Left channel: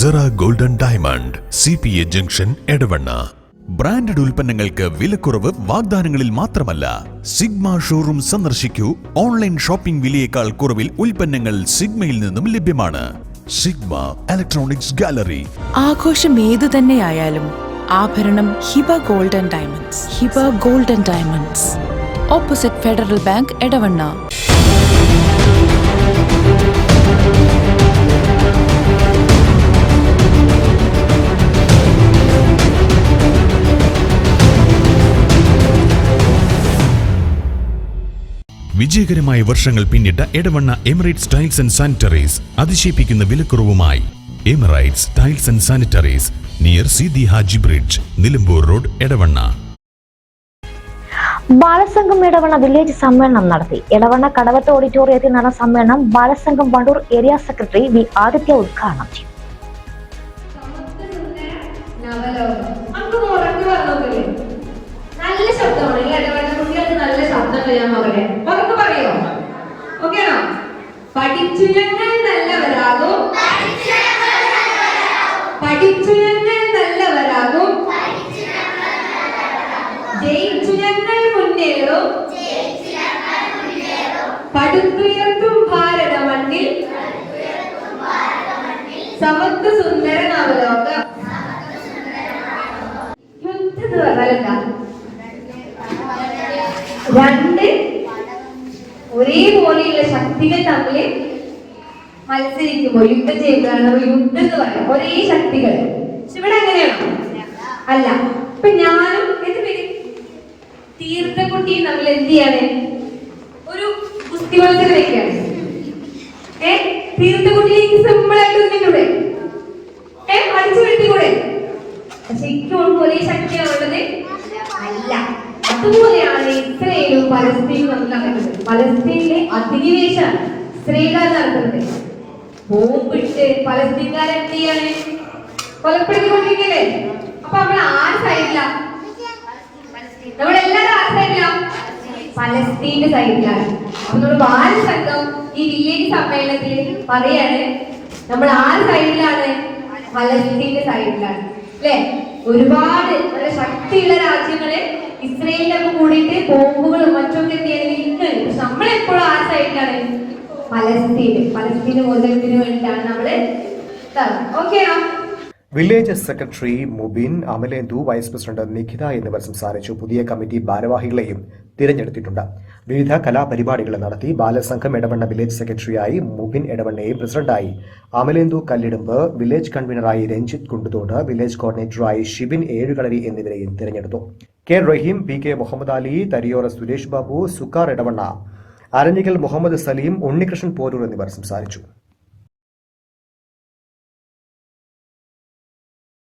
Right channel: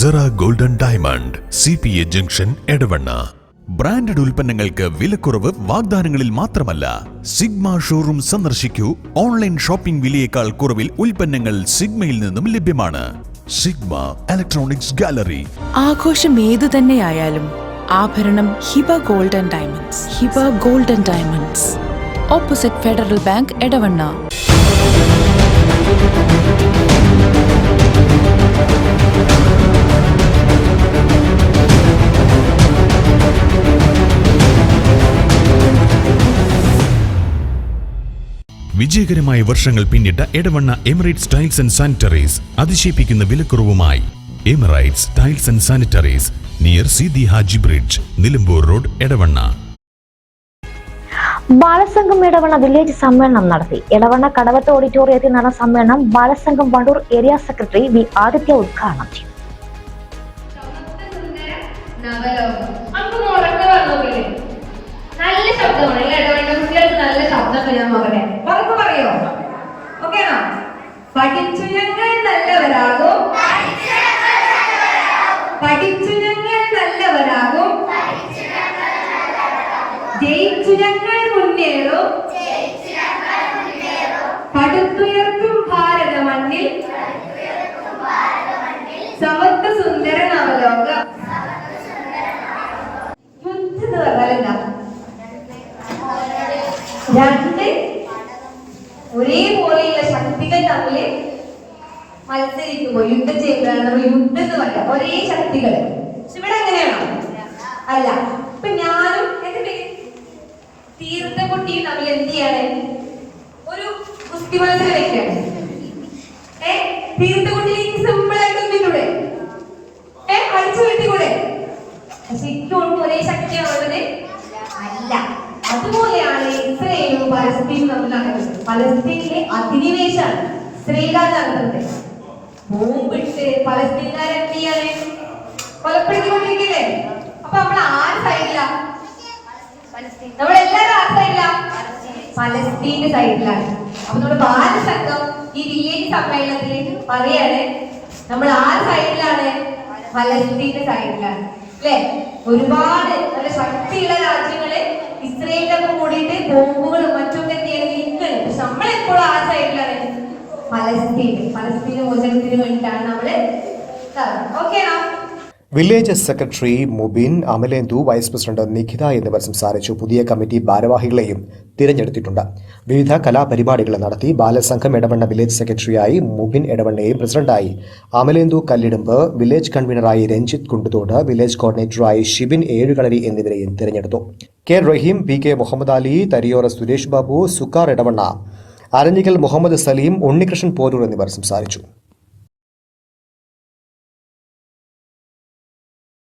Cera golden diamond CPA junction Edavanna. Branded ഉൽപ്പന്നങ്ങൾക്ക് വിലക്കുറവ് വാഗ്ദാനങ്ങളിൽ മാത്രമല്ല, സിഗ്മ ഷോറൂം സന്ദർശിക്കൂ. ഓൺലൈൻ ഷോപ്പിംഗ് വിലയേക്കാൾ കുറവിൽ ഉൽപ്പന്നങ്ങൾ സിഗ്മയിൽ നിന്നും ലഭ്യമാണ്. Sigma electronics gallery. ആഘോഷം ഏതു തന്നെയായാലും ആഭരണം Hiba golden diamonds. Hiba golden diamonds, opposite federal bank, Edavanna. വിജയകരമായ വർഷങ്ങൾ പിന്നിട്ട Edavanna Emirates tiles and sanitaries അതിശയിപ്പിക്കുന്ന വിലക്കുറവുമായി. Emirates tiles and sanitaries, near Seethi Haji bridge, Nilambur road, Edavanna. Balasangham Edavanna village സമ്മേളനം നടത്തി. എടവണ്ണ കടവത്ത് ഓഡിറ്റോറിയത്തിൽ നടന്ന സമ്മേളനം Balasangham Wandoor area secretary V Adithya ഉദ്ഘാടനം ചെയ്തു. പഠിച്ചു ഞങ്ങൾ നല്ലവരാകും, പഠിച്ചു ഞങ്ങൾ നല്ലവരാകും, ജയിച്ചു ഞങ്ങൾ മുന്നേറും, പടുത്തുയർത്തും ഭാരത മണ്ണിൽ സമത്വ സുന്ദര നവലോകം. യുദ്ധം എന്ന് പറഞ്ഞാലല്ല, രണ്ട് ഒരേപോലെയുള്ള ശക്തികൾ തമ്മിൽ മത്സരിക്കുമ്പോൾ യുദ്ധം ചെയ്യുമ്പോഴാണ് യുദ്ധം എന്ന് പറയാം. ഒരേ ശക്തികൾ. ഇവിടെ എങ്ങനെയാണോ? അല്ല. ഇപ്പൊ ഞാനും എന്റെ പേര് തീർത്ഥക്കുട്ടിയും തമ്മിൽ എന്ത് ചെയ്യാണ്? ഒരു കുസ്തി മത്സരം വെക്കുകയാണ്. തീർത്ഥക്കുട്ടിയിലേക്ക് സിമ്പിൾ ആയിട്ട് ഒന്നിട്ടൂടെ? അടിച്ചു വീഴ്ത്തിക്കൂടെ? പക്ഷെ ഇപ്പോഴും ഒരേ ശക്തിയാണുള്ളത് അല്ല. അതുപോലെയാണ് ഇസ്രയേലും പലസ്തീനും തമ്മിൽ നടക്കുന്നത്. പലസ്തീനിലെ അധിനിവേശമാണ് ഇസ്രയേൽക്കാർ നടത്തുന്നത്. ബോംബിട്ട് പലസ്തീൻകാരെ എന്ത് ചെയ്യാണ്? കൊലപ്പെടുത്തിക്കൊണ്ടിരിക്കല്ലേ? അപ്പൊ നമ്മൾ ആര് സൈഡിലാ? നമ്മളെല്ലാരും ആര് സൈഡിലാ? പലസ്തീന്റെ സൈഡിലാണ്. അപ്പൊ നമ്മുടെ ബാലസംഘം ഈ വില്ലേജ് സമ്മേളനത്തിൽ പറയാണ്, നമ്മൾ ആര് സൈഡിലാണ്? പലസ്തീന്റെ സൈഡിലാണ്. അല്ലെ? ഒരുപാട് നല്ല ശക്തിയുള്ള രാജ്യങ്ങള് ഇസ്രയേലിന്റെ കൂടിയിട്ട് ബോംബുകളും മറ്റൊക്കെ എന്ത് ചെയ്യാൻ നിൽക്കുന്നത്. പക്ഷെ നമ്മളെപ്പോഴും ആ സൈഡിലാണ്? പലസ്തീന് മോചനത്തിന് വേണ്ടിയിട്ടാണ് നമ്മള്. ഓക്കെയാണോ? Village secretary Mubin, Amalendu, vice president Nikhitha എന്നിവർ സംസാരിച്ചു. പുതിയ കമ്മിറ്റി ഭാരവാഹികളെയും തിരഞ്ഞെടുത്തിട്ടുണ്ട്. വിവിധ കലാപരിപാടികൾ നടത്തി. ബാലസംഘം എടവണ്ണ വില്ലേജ് സെക്രട്ടറിയായി മുബിൻ എടവണ്ണയെയും പ്രസിഡന്റായി അമലേന്ദു കല്ലിടുമ്പ്, വില്ലേജ് കൺവീനറായി രഞ്ജിത്ത് കുണ്ടുതോട്, വില്ലേജ് കോർഡിനേറ്ററായി ഷിബിൻ ഏഴുകളരി എന്നിവരെയും തിരഞ്ഞെടുത്തു. കെ റഹീം, PK മുഹമ്മദ് അലി, തരിയോറ സുരേഷ് ബാബു, സുക്കാർ എടവണ്ണ, അരഞ്ഞിക്കൽ മുഹമ്മദ് സലീം, ഉണ്ണികൃഷ്ണൻ പോരൂർ എന്നിവർ സംസാരിച്ചു.